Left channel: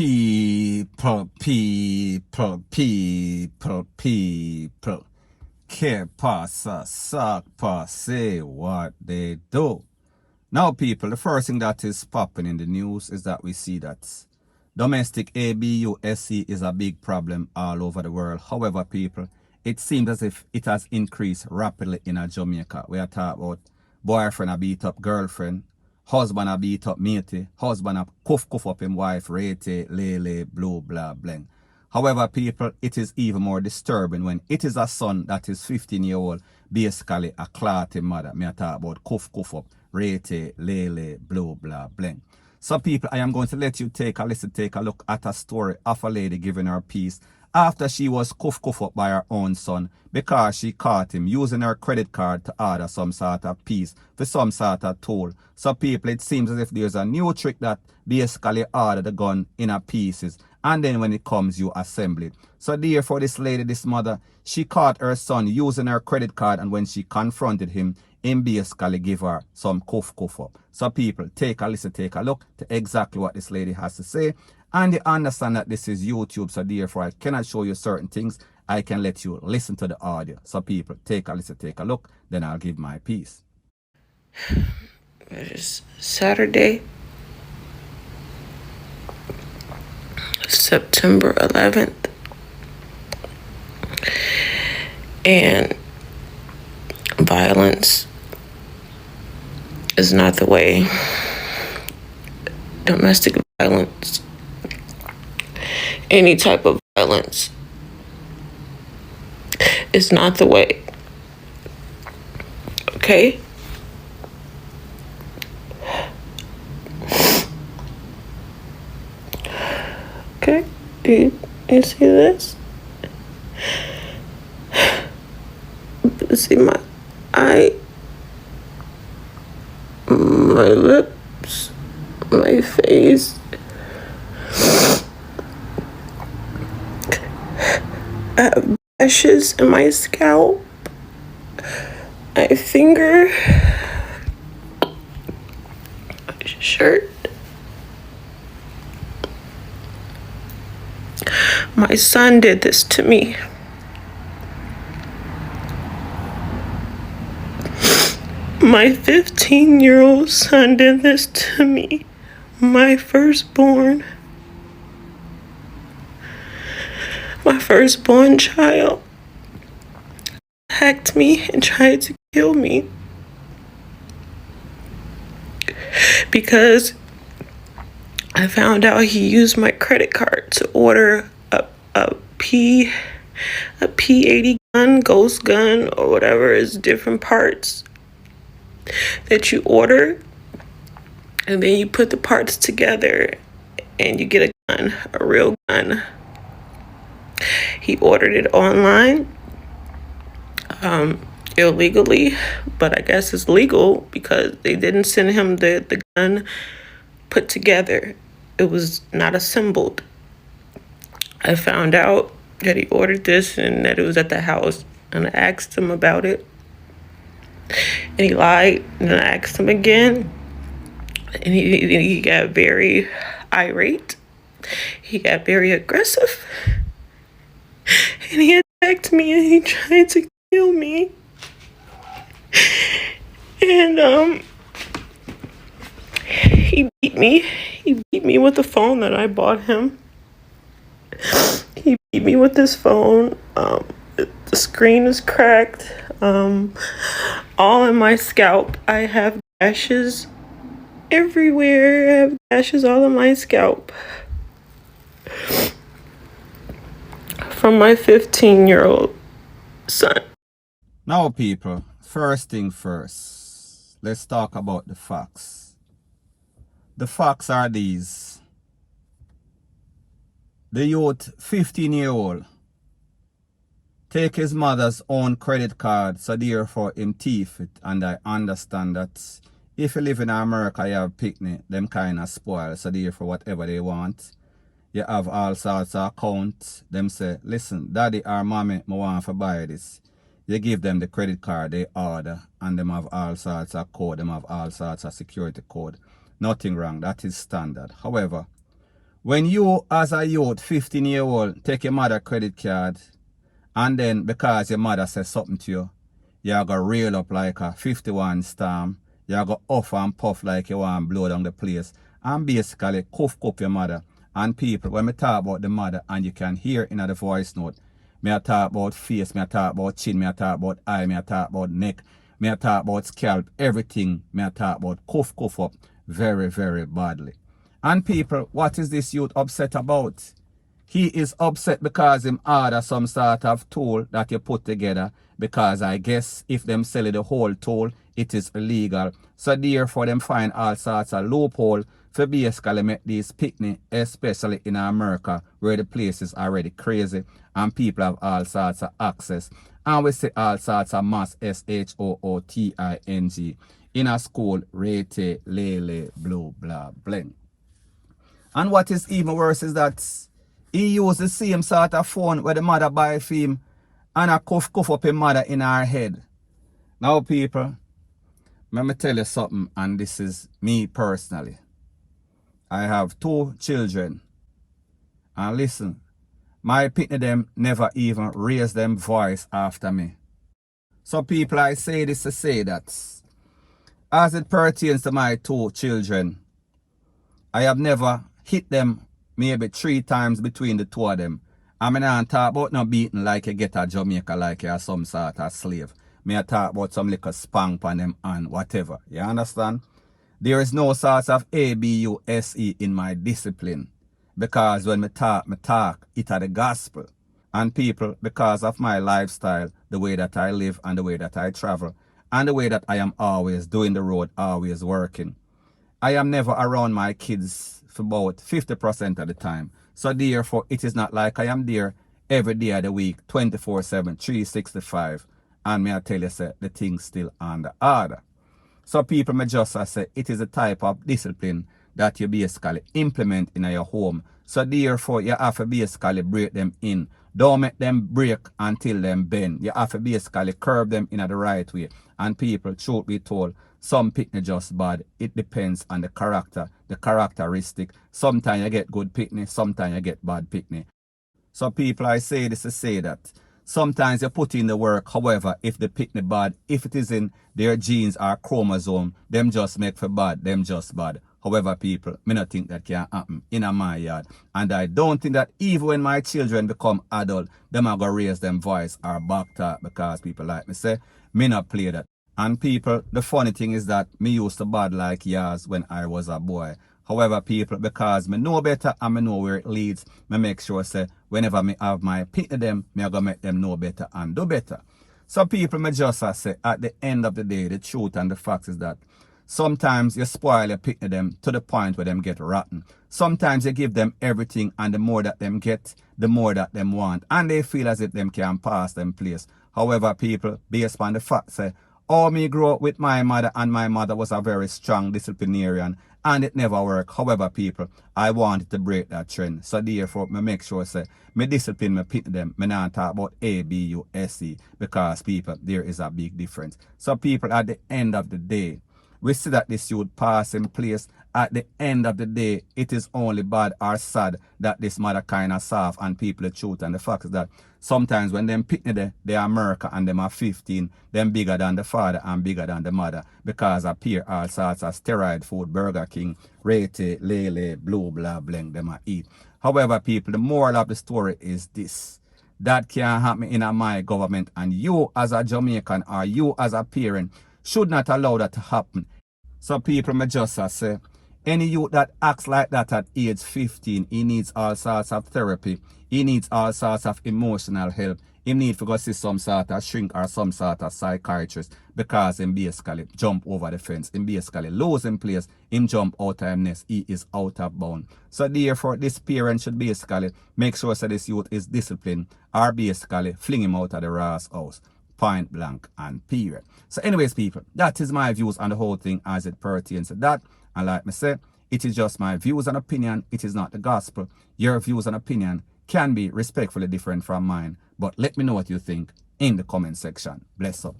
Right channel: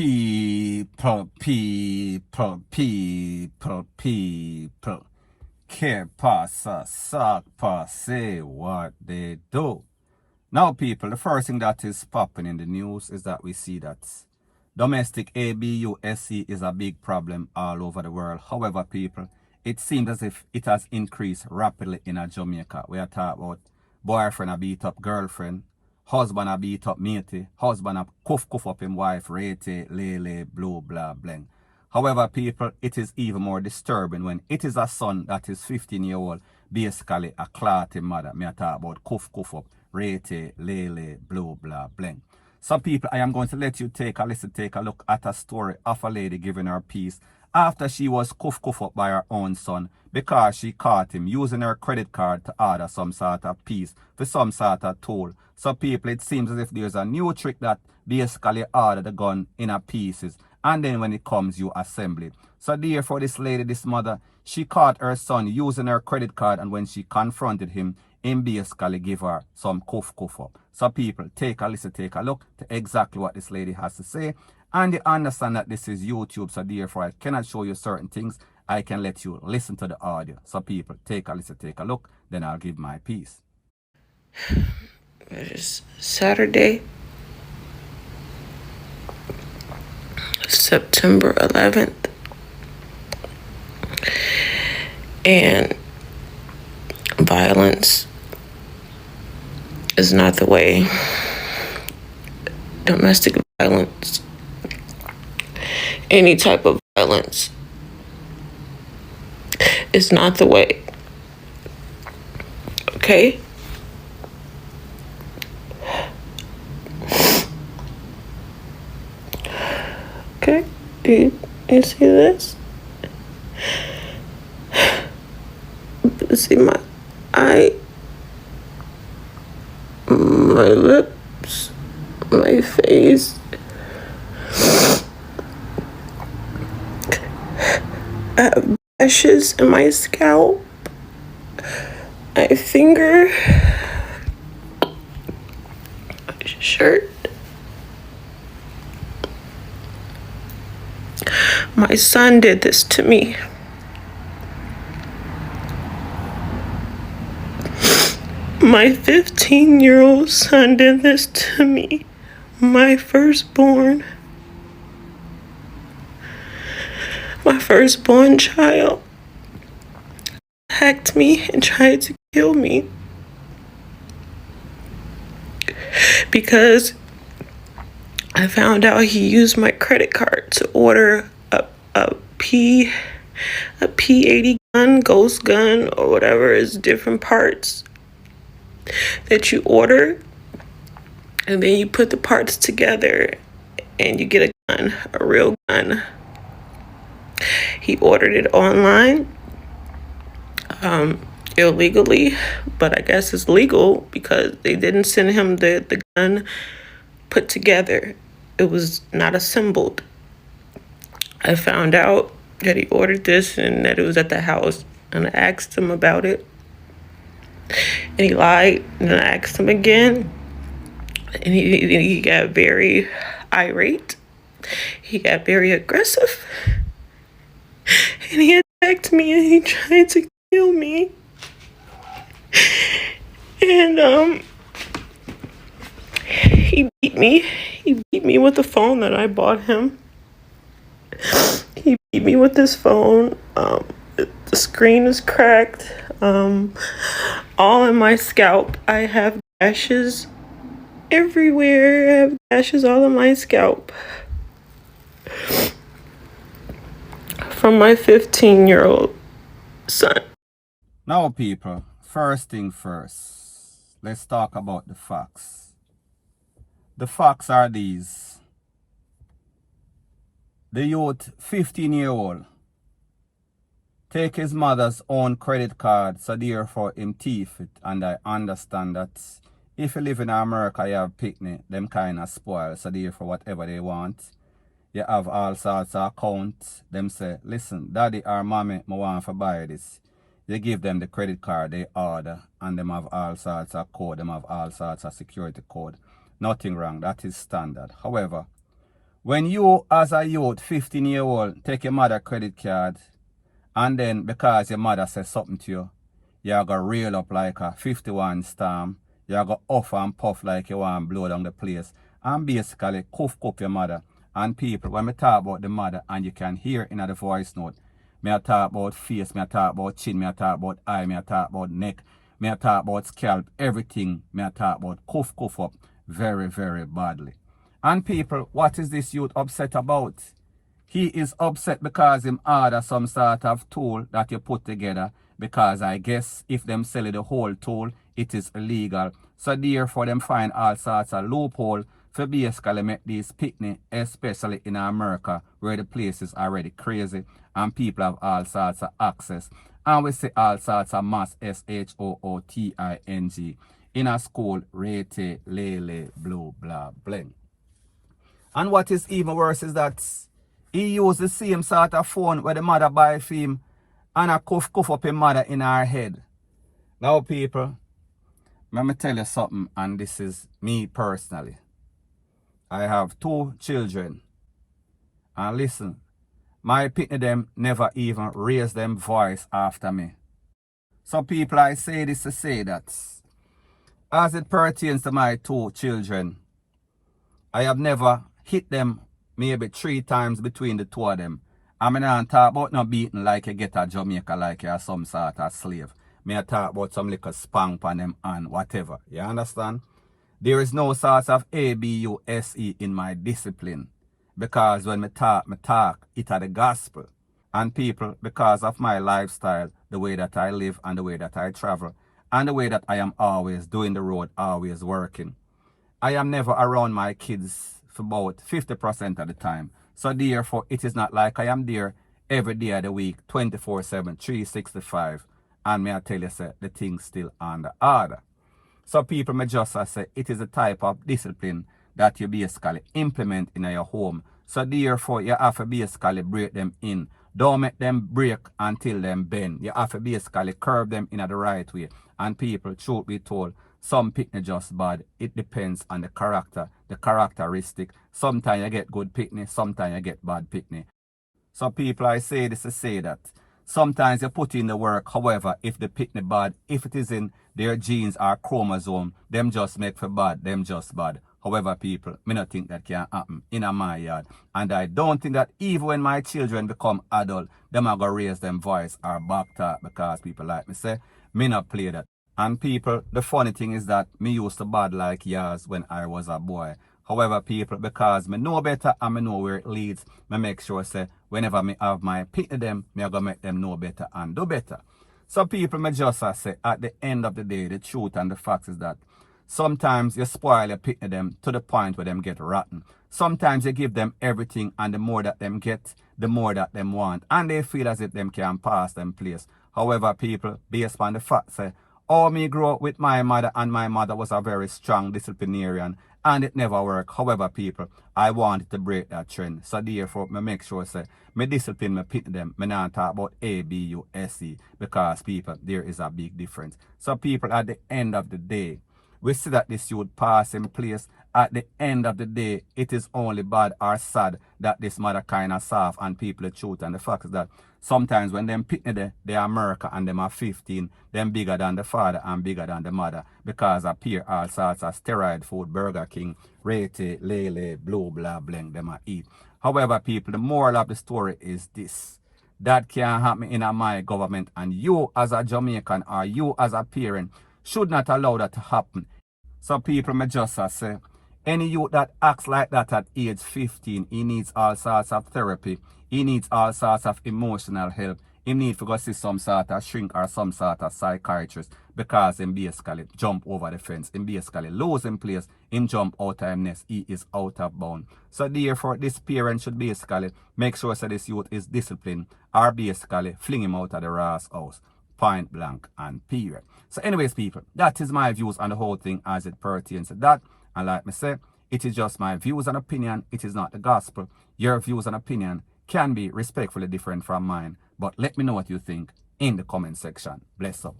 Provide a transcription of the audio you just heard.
People. Que pasa, sac passe, what they do. Now, people, the first thing that is popping in the news is that we see that domestic abuse is a big problem all over the world. However, people, it seems as if it has increased rapidly in Jamaica. We are talking about boyfriend a beat up girlfriend, husband a beat up matey, husband a cuff up him wife, rete, lele, blue, blah, bling. However, people, it is even more disturbing when it is a son that is 15-year-old, basically a clotty mother. Me I talk about cuff up, rete, lele, blue, blah, bling. Some people, I am going to let you take a look at a story of a lady giving her peace after she was cuff up by her own son because she caught him using her credit card to order some sort of piece for some sort of tool. So people, it seems as if there's a new trick that basically order the gun in a pieces and then when it comes you assemble it. So therefore this lady, this mother, she caught her son using her credit card, and when she confronted him basically give her some cuff up. So people, take a listen, take a look to exactly what this lady has to say. And you understand that this is YouTube, so therefore I cannot show you certain things. I can let you listen to the audio. So people, take a listen, take a look, then I'll give my piece. It is Saturday, September 11th. And violence is not the way. Domestic violence, any type of violence, is not the way. Okay? Okay, do you see this? See my eye, my lips, my face. I have ashes in my scalp, my finger, my shirt. My son did this to me. My 15-year-old son did this to me. My firstborn child attacked me and tried to kill me because I found out he used my credit card to order a P80 gun, ghost gun, or whatever is different parts that you order, and then you put the parts together and you get a gun, a real gun. He ordered it online, illegally, but I guess it's legal because they didn't send him the gun put together. It was not assembled. I found out that he ordered this and that it was at the house, and I asked him about it, and he lied, and I asked him again, and he got very irate. He got very aggressive, and he attacked me, and he tried to kill me. And he beat me. He beat me with the phone that I bought him. He beat me with this phone. The screen is cracked. All in my scalp. I have gashes everywhere. I have gashes all in my scalp from my 15-year-old son. Now, people, first thing first, let's talk about the facts. The facts are these. The youth, 15-year-old, take his mother's own credit card, so therefore him thief it. And I understand that if you live in America, you have picnic, them kind of spoil, so therefore whatever they want. You have all sorts of accounts. Them say, listen, daddy or mommy, I want to buy this. You give them the credit card, they order, and them have all sorts of code, them have all sorts of security code. Nothing wrong, that is standard. However, When you as a youth, 15-year-old, take your mother credit card and then because your mother says something to you, you're going to reel up like a 51 storm. You're going to off and puff like you want to blow down the place. And basically cuff your mother. And people, when we talk about the mother and you can hear in the voice note, me I talk about face, me I talk about chin, me I talk about eye, me I talk about neck, me I talk about scalp, everything me I talk about cuff up very, very badly. And people, what is this youth upset about? He is upset because him order some sort of tool that you put together because I guess if them sell it the whole tool, it is illegal. So therefore them find all sorts of loophole for basically make these picnic, especially in America where the place is already crazy and people have all sorts of access. And we see all sorts of mass SHOOTING in a school, rete, lele, blue, blah, bling. And what is even worse is that he used the same sort of phone where the mother buy for him and a cuff up his mother in her head. Now people, let me tell you something, and this is me personally. I have 2 children. And listen, my pitney them never even raise them voice after me. So people, I say this to say that as it pertains to my 2 children, I have never hit them maybe 3 times between the 2 of them. I mean, I talk about not beating like you get a Jamaica like you're some sort of slave. I talk about some little spank on them and whatever. You understand? There is no sort of ABUSE in my discipline. Because when I talk, it are the gospel. And people, because of my lifestyle, the way that I live and the way that I travel, and the way that I am always doing the road, always working, I am never around my kids for about 50% of the time. So therefore, it is not like I am there every day of the week, 24/7, 365. And may I tell you, say, the thing's still on the order. So people may just say it is a type of discipline that you basically implement in your home. So therefore, you have to basically break them in. Don't make them break until them bend. You have to basically curve them in the right way. And people, truth be told, some picnic just bad. It depends on the character, the characteristic. Sometimes you get good picnic, sometimes you get bad picnic. So people, I say this to say that sometimes you put in the work. However, if the picnic bad, if it is in their genes or chromosome, them just make for bad, them just bad. However, people, me not think that can happen in my yard. And I don't think that even when my children become adult, them are going to raise them voice or back talk because people like me say, me not play that. And people, the funny thing is that me used to bad like yours when I was a boy. However, people, because me know better and me know where it leads, me make sure say whenever me have my pity them, me are gonna make them know better and do better. So people, me just say at the end of the day, the truth and the facts is that sometimes you spoil your pity them to the point where them get rotten. Sometimes you give them everything and the more that them get, the more that them want. And they feel as if them can pass them place. However, people, based on the fact say, oh, me grew up with my mother and my mother was a very strong disciplinarian and it never worked. However, people, I wanted to break that trend. So therefore, me make sure say, me discipline, me pit them. Me not talk about ABUSE because people, there is a big difference. So people, at the end of the day, we see that this youth pass in place. At the end of the day, it is only bad or sad that this mother kind of soft and people the truth. And the fact is that sometimes when them pick they are America and them are 15, them bigger than the father and bigger than the mother because appear all sorts of steroid food, Burger King, Rete, Lele, Blue, blah, bling, them are eat. However, people, the moral of the story is this. That can't happen in my government and you as a Jamaican or you as a parent should not allow that to happen. So people may just say, any youth that acts like that at age 15, he needs all sorts of therapy. He needs all sorts of emotional help. He needs to go see some sort of shrink or some sort of psychiatrist because he basically jump over the fence. He basically lose him place. Him jump out of his nest. He is out of bound. So therefore, this parent should basically make sure that this youth is disciplined or basically fling him out of the Ross house. Point blank and period. So anyways, people, that is my views on the whole thing as it pertains to that. And like I said, it is just my views and opinion. It is not the gospel. Your views and opinion can be respectfully different from mine. But let me know what you think in the comment section. Bless up.